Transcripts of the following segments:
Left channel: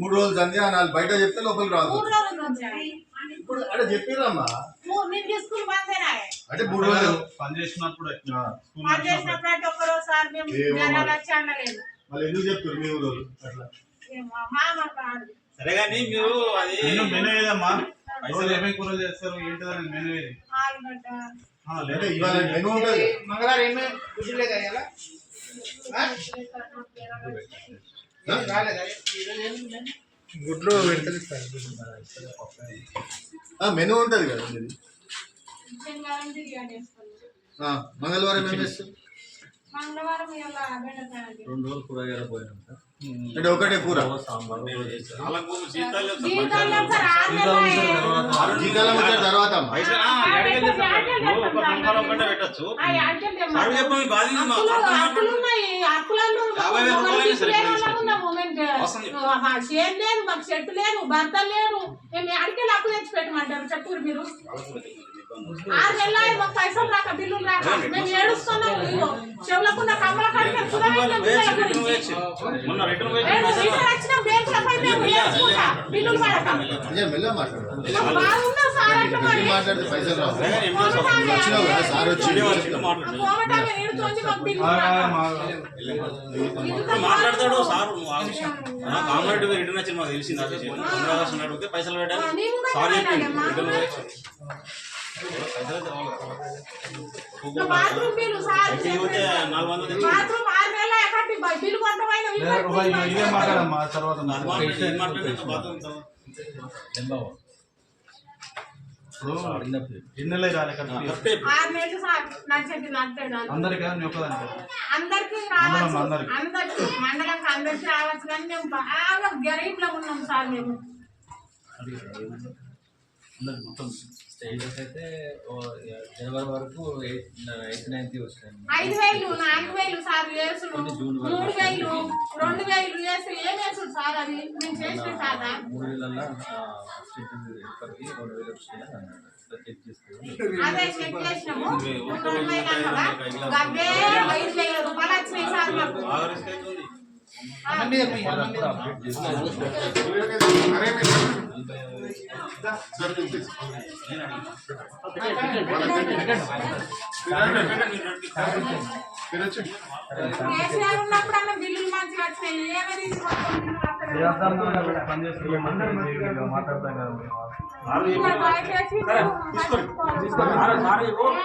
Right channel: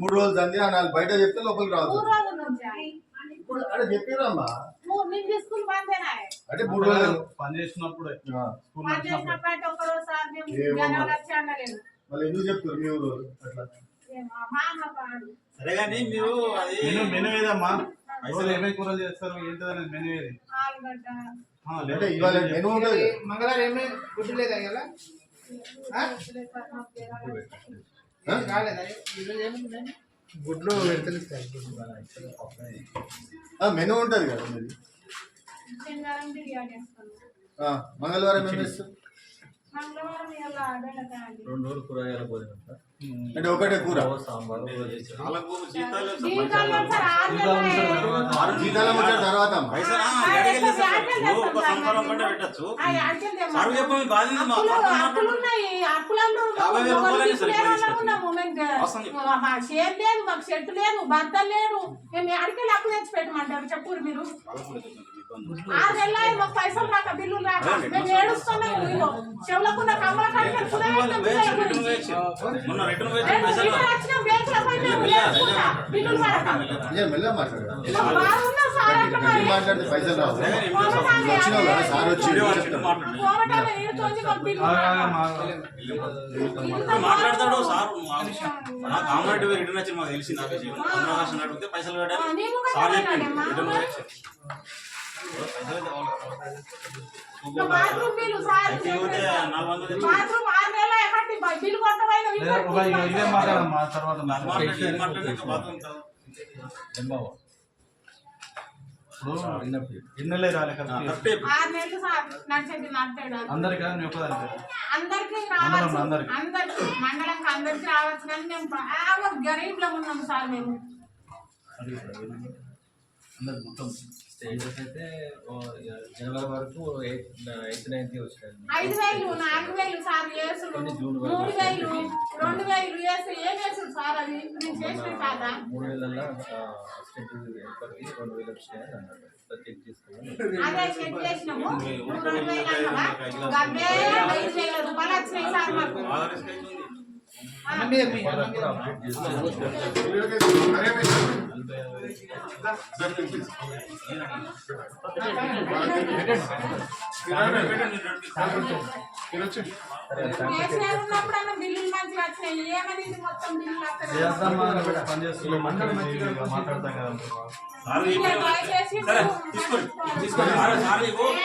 3 రోజులు సంధ్య నాలుగు బయట చెప్తే లోపలికి రాదు. ఇప్పుడు అంటే చెప్పిరమ్మా అంటే 3 రోజులు పని చేసినప్పుడు మళ్ళీ ఎందుకు చెప్తారు మీ ఊరు అట్లా? సరే కానీ మీరు అది మెనూ ఏదమ్మా, రోజు ఏమేమి కూరలు చేస్తారు ఏంటిదని మెనూ ఏది? అంటే ఇవాళ మెనూ ఉంటుంది. మంగళవారం ఏమేమి గుడ్డు లేదా ఇలా గుడ్లు మెనూ ఉంటుంది కదా మీది. మంగళవారం ఏం చేస్తారు? 2 రోజులు కూరగాయల భోజనం సార్. అంటే ఒకటే కూర సాంబార్ జీతాలు తర్వాత మాకు చెట్టు లేదు, భర్త లేదు, మేము అడికెళ్ళి అప్పు తెచ్చి పెట్టమంటారు చెప్పు మీరు. 6 నెలలు మాకు పైసలు రాక బిల్లులు రాక మేము ఏడుస్తున్నాము. చెవులకున్న కమ్మల కడికి బిల్లులు మాట్లాడితే పైసలు రావు. సార్ వచ్చి మాట్లాడతాడు సార్. కామారెడ్డి రిటర్న్ వచ్చి మాకు తెలిసింది. అడిగితే పైసలు పెట్టాలి సార్ చెప్పి అందరికి మండలంకి అందరికి రావచ్చు కానీ మేము బాగా గరీబ్లో ఉన్నాం సార్. మేము మొత్తం స్టేజెస్ అయితే జనవరి వరకు 8th 9th వచ్చినాయి. 5,000 4,000 సార్ వేసుడు, 3,000 2,000 వేసు ఏం వేసుడు సార్? అది మేము చేసిన కాదా? 3,000 అసిస్టెంట్ హెల్పర్కి 2,000 వచ్చినాయని అన్నాడు. చెక్ చేసుకోవాలి. అదే చెక్ చేసినాము. 5,000 రూపాయలు వచ్చినాయి సార్ మాకు. అప్డేట్ మాట్లాడతాం కదా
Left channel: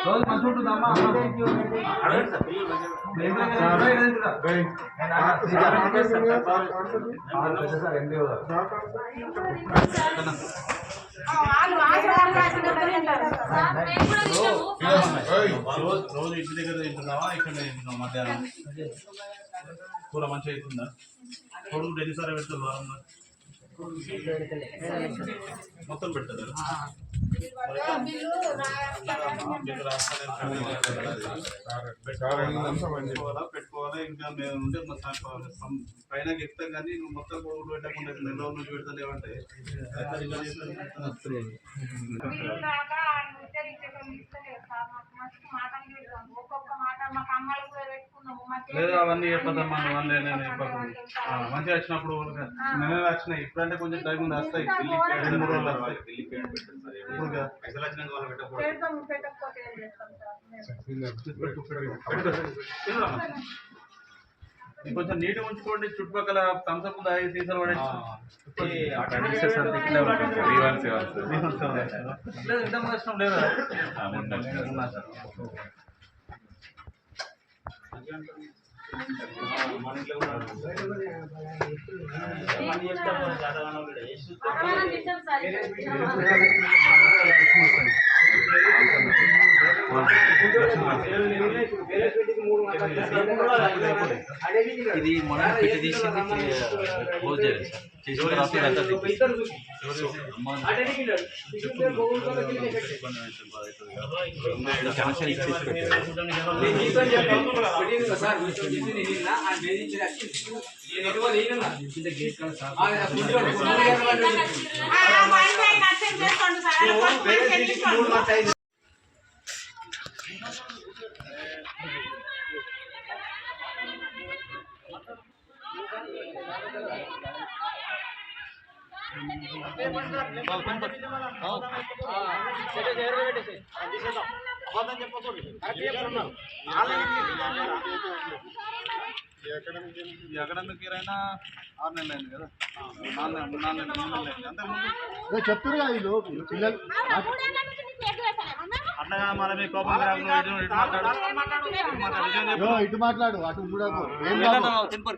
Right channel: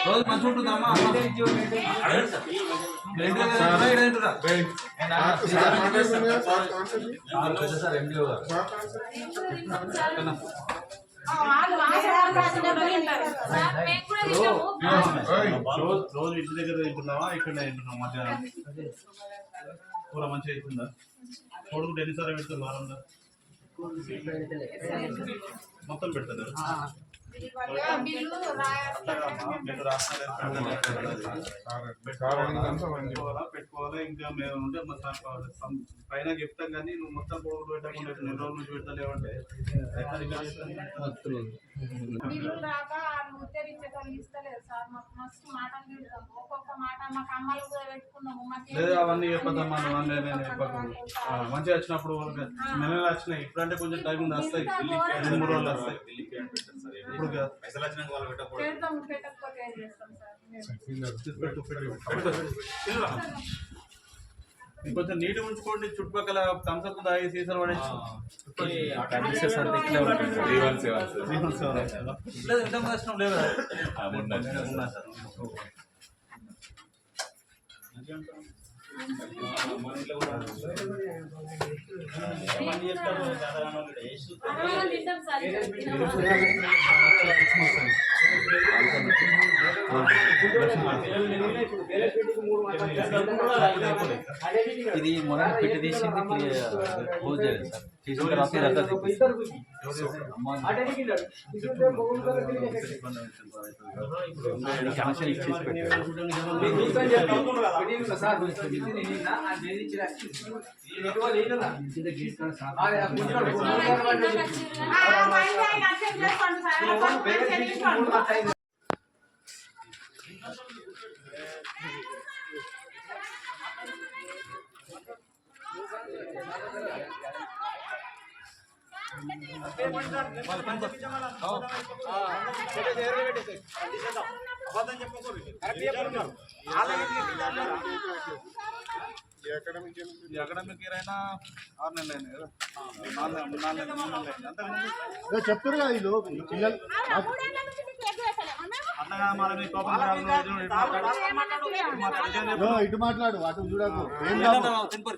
రోజు మంచి ఉంటుందమ్మా. సార్ ఎండిఓ గారు రోజు ఇంటి దగ్గర తింటున్నావా ఇక్కడ తింటున్నావా? మధ్యాహ్నం కూర మంచిగా అవుతుందా? కొడుకు ఎన్నిసార్లు పెడతారు వారంలో? మొత్తం పెడతారు. పెట్టుకోవాలా ఇంకా మేము ఉంటే పైన చెప్తాం కానీ నువ్వు మొత్తం కొడుకు పెట్టకుండా 2 రోజుల నుంచి పెడతా లేవంటే అవన్నీ చెప్పదమ్మా. నేను చెప్పకు మంచిగా వచ్చినప్పుడు మేమే వచ్చినాయి. ఇప్పుడంటే కొంచెం టైం ఉంది, వస్తాయి 2-3 రోజులు వస్తాయి. కొంచెం నీటి ఉంచుకోండి. చుట్టుపక్కల థమ్స్అప్ దాగి సీసాలు పడేసి లేదా మన ఇంట్లో కూడా ఇది మొన్న పెట్టి తీసి క్లోజ్ చేయాలి సార్. చేసిన తర్వాత కనెక్షన్ ఇచ్చేసి పెట్టారు. ఈ అకాడమిక్ ఇయర్ అయినా 6 నెలలు అయింది కదా, 4 నెలలు అయింది అంతకుముందు. చెప్తారు కదా వీళ్ళు పిల్లలు అట్లా మరి మీ కోపం రాకుండా ఇటు మాట్లాడు అటు చూడకు ఏం కాదు. ఇప్పుడు